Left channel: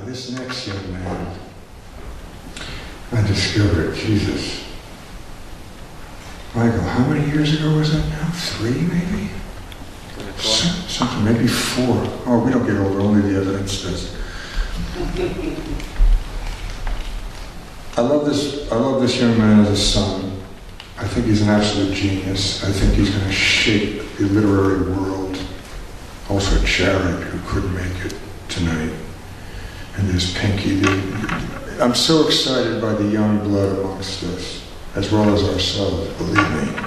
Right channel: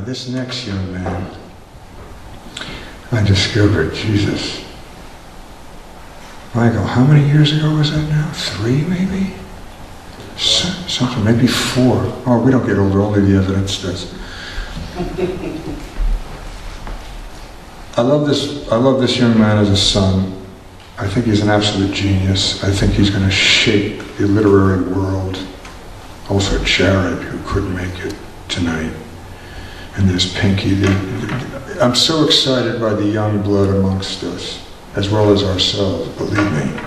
Now this next young man, I discovered, Jesus, Michael, how many years ago was that now? 3 maybe? Something, maybe 4. Oh, we don't get older, only the evidence does. I love this young man as a son. I think he's an absolute genius. I think he's going to shape the literary world. Also Jared, who couldn't make it tonight. And there's Pinky. I'm so excited by the young blood amongst us, as well as ourselves, believe me.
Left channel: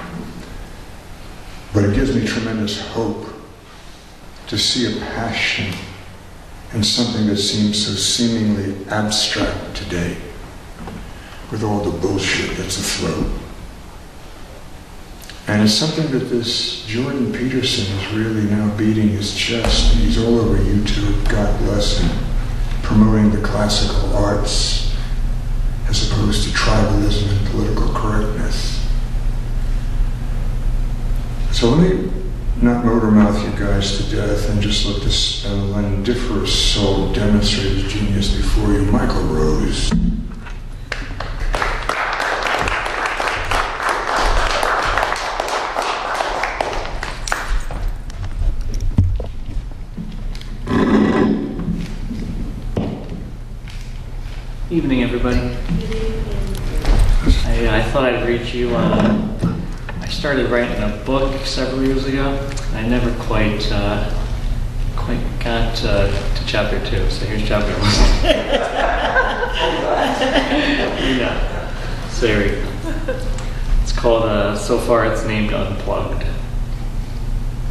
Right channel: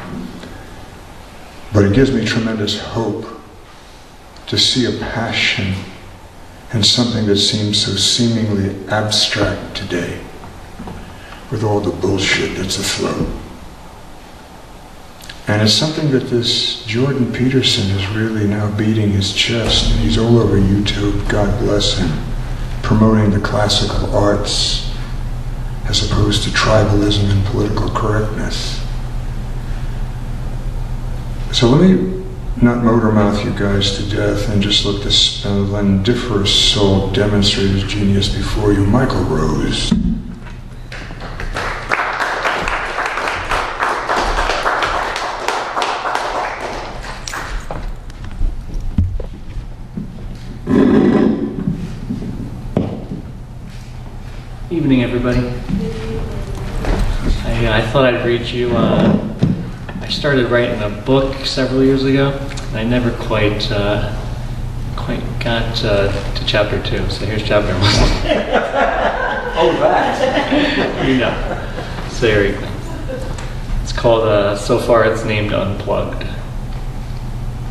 But it gives me tremendous hope to see a passion in something that seems so seemingly abstract today, with all the bullshit that's afloat. And it's something that this Jordan Peterson is really now beating his chest, and he's all over YouTube, God bless him, promoting the classical arts as opposed to tribalism and political correctness. So let me not motor mouth you guys to death and just let this splendiferous soul demonstrate his genius before you. Michael Rose. Evening, everybody. I thought I'd read you. I started writing a book several years ago, and I never quite got to chapter 2. So here's chapter 1. All right. Yeah. So here we go. It's called. So far, it's named Unplugged.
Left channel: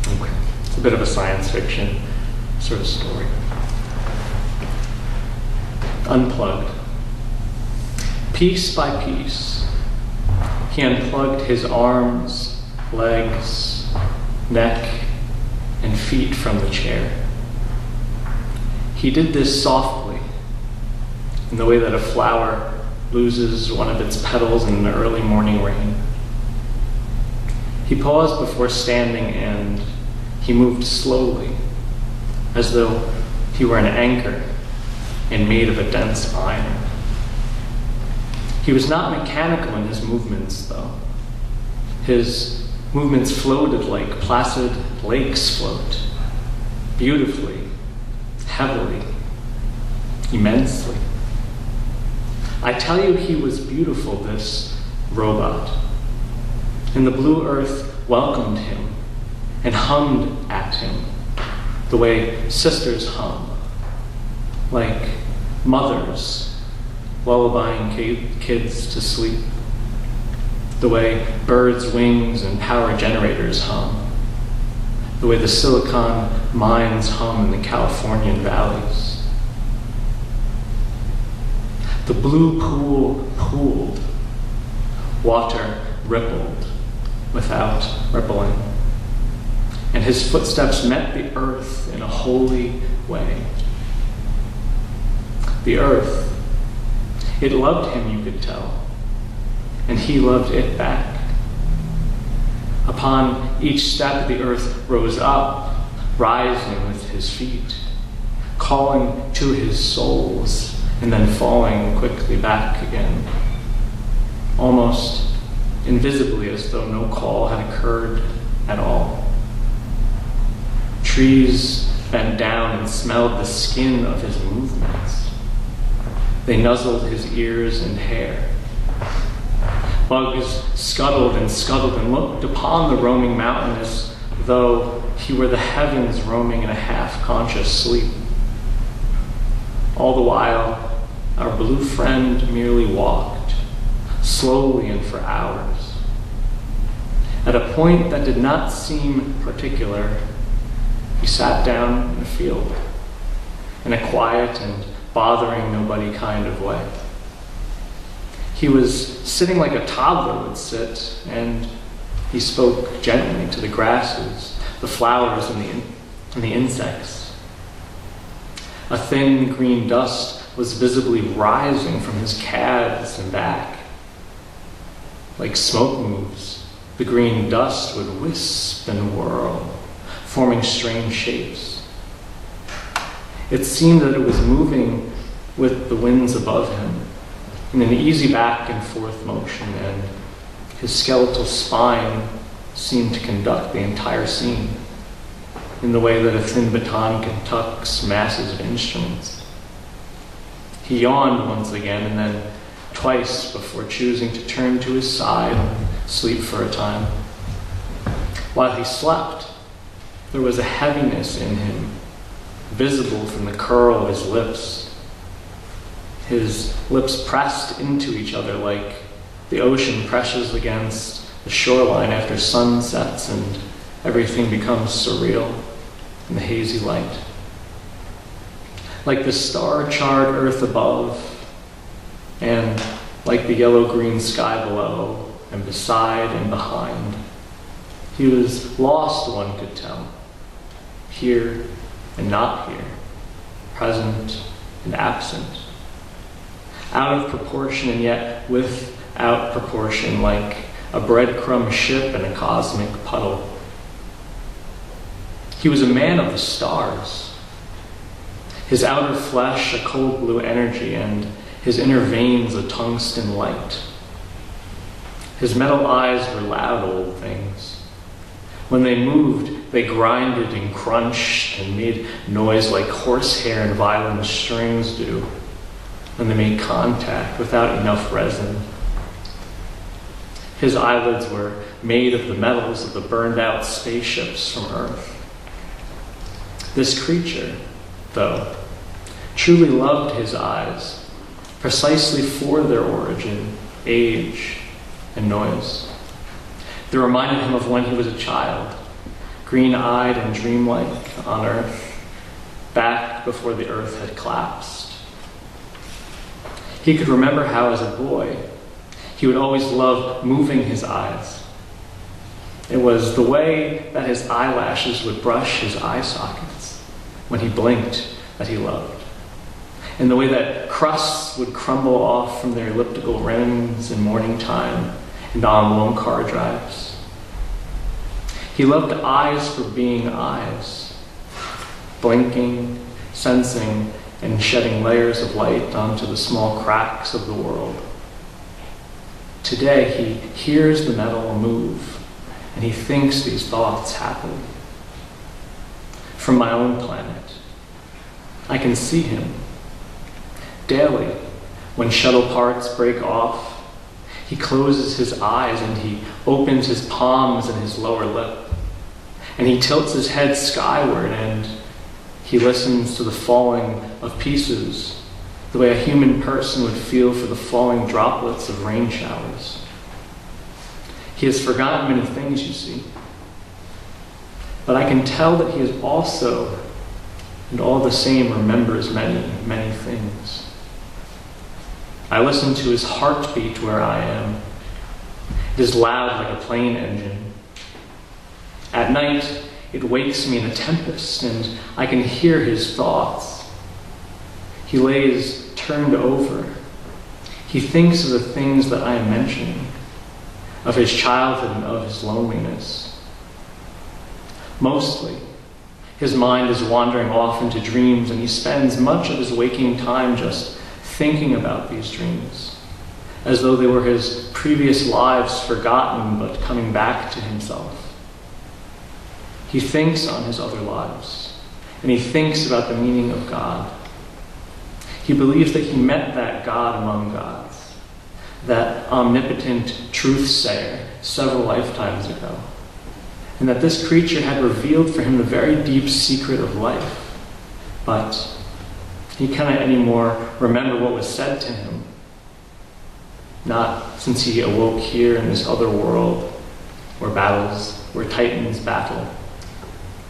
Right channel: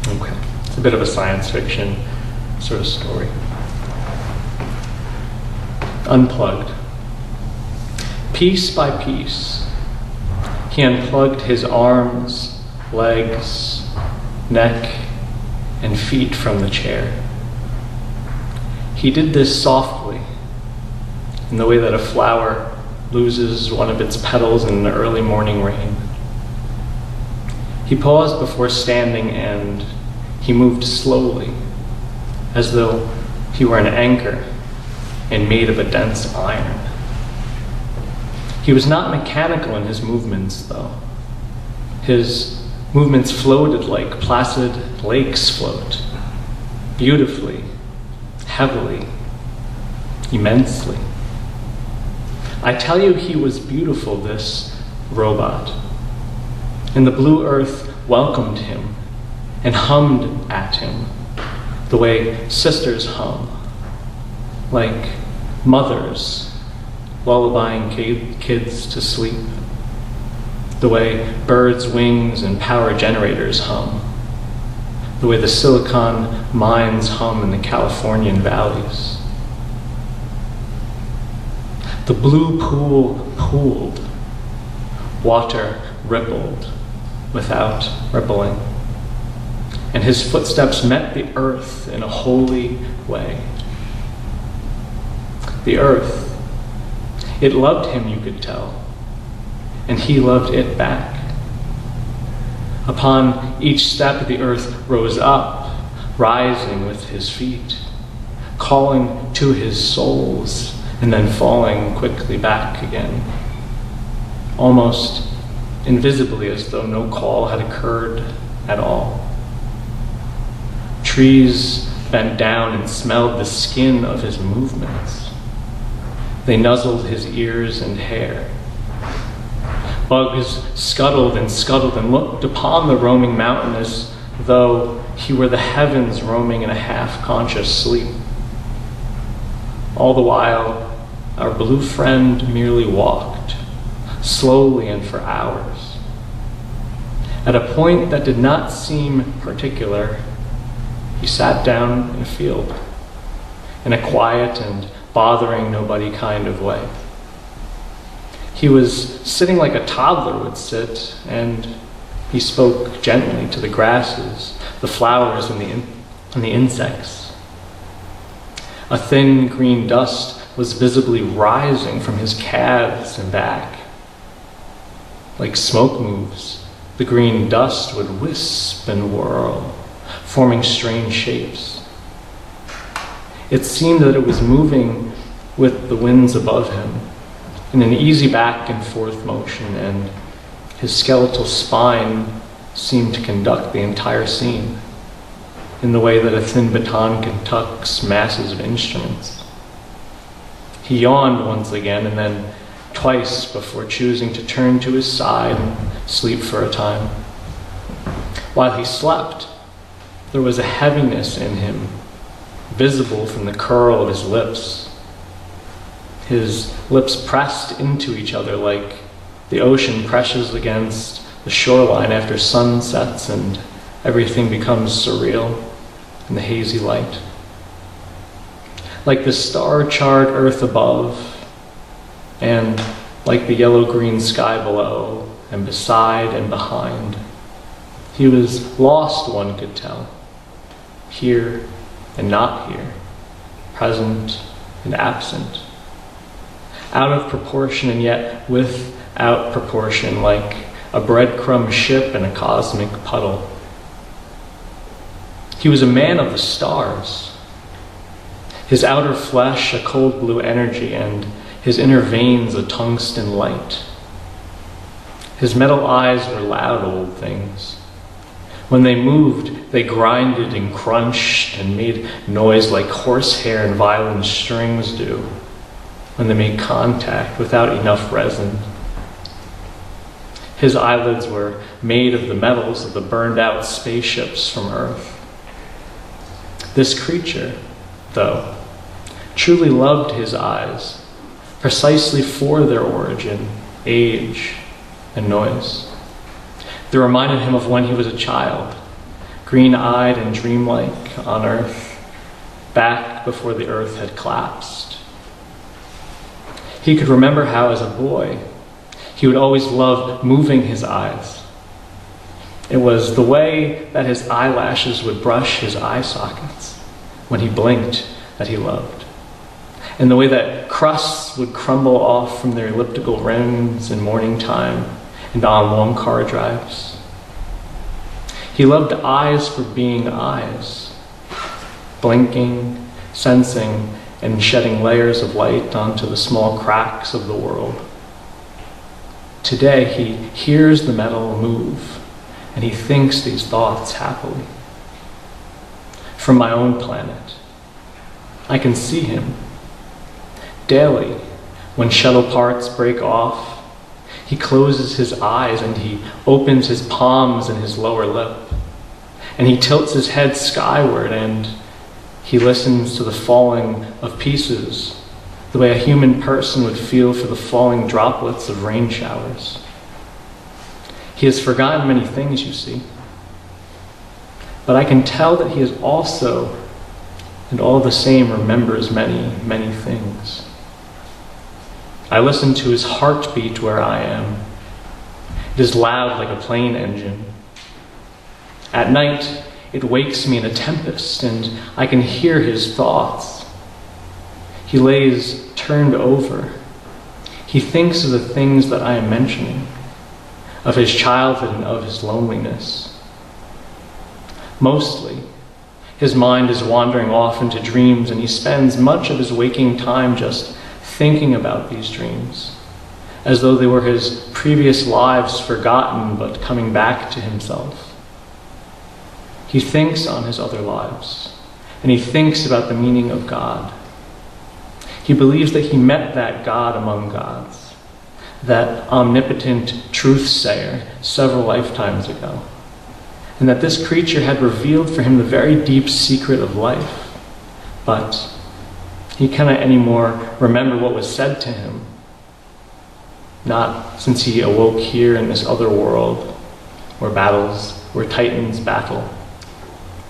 Okay. It's a bit of a science fiction sort of story. Unplugged. Piece by piece, he unplugged his arms, legs, neck, and feet from the chair. He did this softly, in the way that a flower loses one of its petals in an early morning rain. He paused before standing, and he moved slowly, as though he were an anchor and made of a dense iron. He was not mechanical in his movements, though. His movements floated like placid lakes float, beautifully, heavily, immensely. I tell you, he was beautiful, this robot. And the blue earth welcomed him and hummed at him the way sisters hum, like mothers lullabying kids to sleep, the way birds' wings and power generators hum, the way the silicon mines hum in the Californian valleys. The blue pool pooled, water rippled without rippling, and his footsteps met the earth in a holy way. The earth, it loved him, you could tell, and he loved it back. Upon each step, the earth rose up, rising with his feet, calling to his souls, and then falling quickly back again, almost invisibly, as though no call had occurred at all. Trees bent down and smelled the skin of his movements. They nuzzled his ears and hair. Bugs scuttled and looked upon the roaming mountain as though he were the heavens roaming in a half-conscious sleep. All the while, our blue friend merely walked, slowly and for hours. At a point that did not seem particular, he sat down in a field, in a quiet and bothering nobody kind of way. He was sitting like a toddler would sit, and he spoke gently to the grasses, the flowers, and the insects. A thin green dust was visibly rising from his calves and back. Like smoke moves, the green dust would wisp and whirl, forming strange shapes. It seemed that it was moving with the winds above him, in an easy back and forth motion, and his skeletal spine seemed to conduct the entire scene in the way that a thin baton conducts masses of instruments. He yawned once again and then twice before choosing to turn to his side and sleep for a time. While he slept, there was a heaviness in him, visible from the curl of his lips. His lips pressed into each other like the ocean presses against the shoreline after sunsets and everything becomes surreal in the hazy light. Like the star-charred earth above, and like the yellow-green sky below, and beside and behind. He was lost, one could tell, here and not here, present and absent, out of proportion and yet without proportion, like a breadcrumb ship in a cosmic puddle. He was a man of the stars, his outer flesh a cold blue energy, and his inner veins a tungsten light. His metal eyes were loud old things. When they moved, they grinded and crunched and made noise like horsehair and violin strings do when they made contact without enough resin. His eyelids were made of the metals of the burned-out spaceships from Earth. This creature, though, truly loved his eyes, precisely for their origin, age, and noise. They reminded him of when he was a child, green-eyed and dreamlike on Earth, back before the Earth had collapsed. He could remember how, as a boy, he would always love moving his eyes. It was the way that his eyelashes would brush his eye sockets when he blinked that he loved, and the way that crusts would crumble off from their elliptical rims in morning time and on long car drives. He loved eyes for being eyes, blinking, sensing, and shedding layers of light onto the small cracks of the world. Today, he hears the metal move, and he thinks these thoughts happily. From my own planet, I can see him. Daily, when shuttle parts break off, he closes his eyes and he opens his palms and his lower lip, and he tilts his head skyward and he listens to the falling of pieces, the way a human person would feel for the falling droplets of rain showers. He has forgotten many things, you see, but I can tell that he is also, and all the same, remembers many, many things. I listen to his heartbeat where I am. It is loud like a plane engine. At night, it wakes me in a tempest, and I can hear his thoughts. He lays turned over. He thinks of the things that I am mentioning, of his childhood and of his loneliness. Mostly, his mind is wandering off into dreams, and he spends much of his waking time just thinking about these dreams, as though they were his previous lives forgotten but coming back to himself. He thinks on his other lives, and he thinks about the meaning of God. He believes that he met that God among gods, that omnipotent truth-sayer several lifetimes ago, and that this creature had revealed for him the very deep secret of life, but he cannot anymore remember what was said to him, not since he awoke here in this other world where titans battle,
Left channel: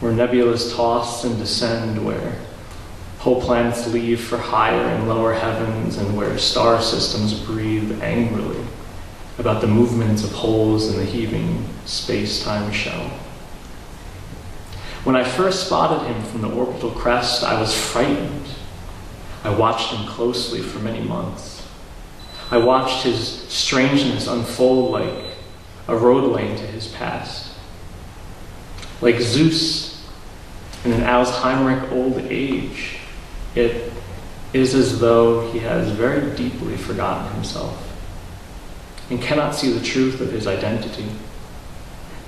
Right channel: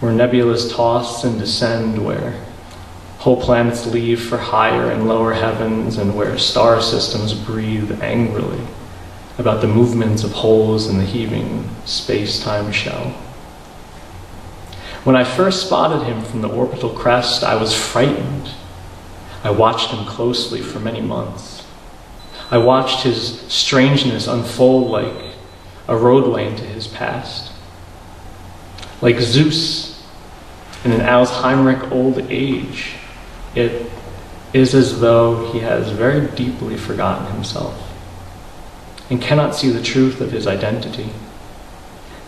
where nebulas toss and descend, where whole planets leave for higher and lower heavens, and where star systems breathe angrily about the movements of holes in the heaving space-time shell. When I first spotted him from the orbital crest, I was frightened. I watched him closely for many months. I watched his strangeness unfold like a road lane to his past. Like Zeus in an Alzheimeric old age, it is as though he has very deeply forgotten himself and cannot see the truth of his identity,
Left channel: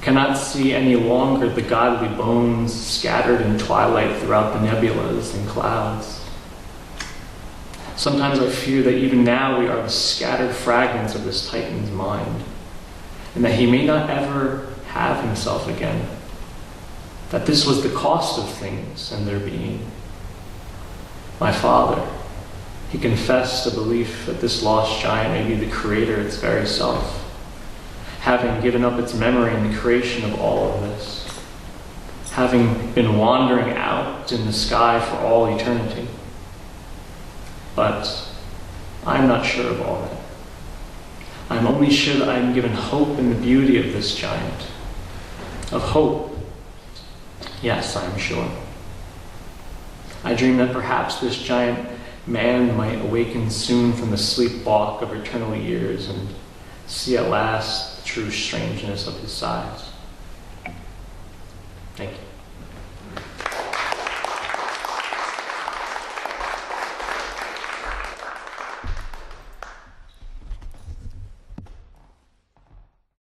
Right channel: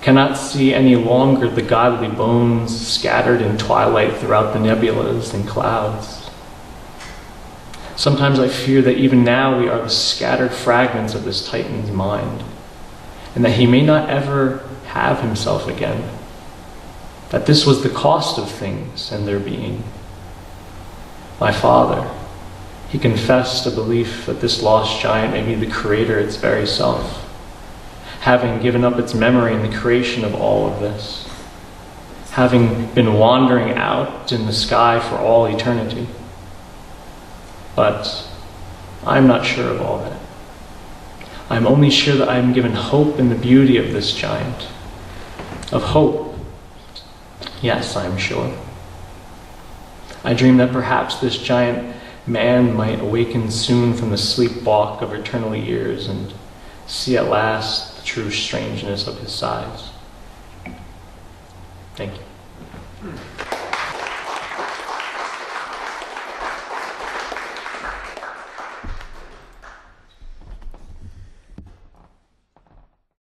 cannot see any longer the godly bones scattered in twilight throughout the nebulas and clouds. Sometimes I fear that even now we are the scattered fragments of this Titan's mind, and that he may not ever have himself again, that this was the cost of things and their being. My father, he confessed a belief that this lost giant may be the creator its very self, having given up its memory in the creation of all of this, having been wandering out in the sky for all eternity. But I'm not sure of all that. I'm only sure that I'm given hope in the beauty of this giant. Of hope. Yes, I'm sure. I dream that perhaps this giant man might awaken soon from the sleepwalk of eternal years and see at last the true strangeness of his size. Thank you.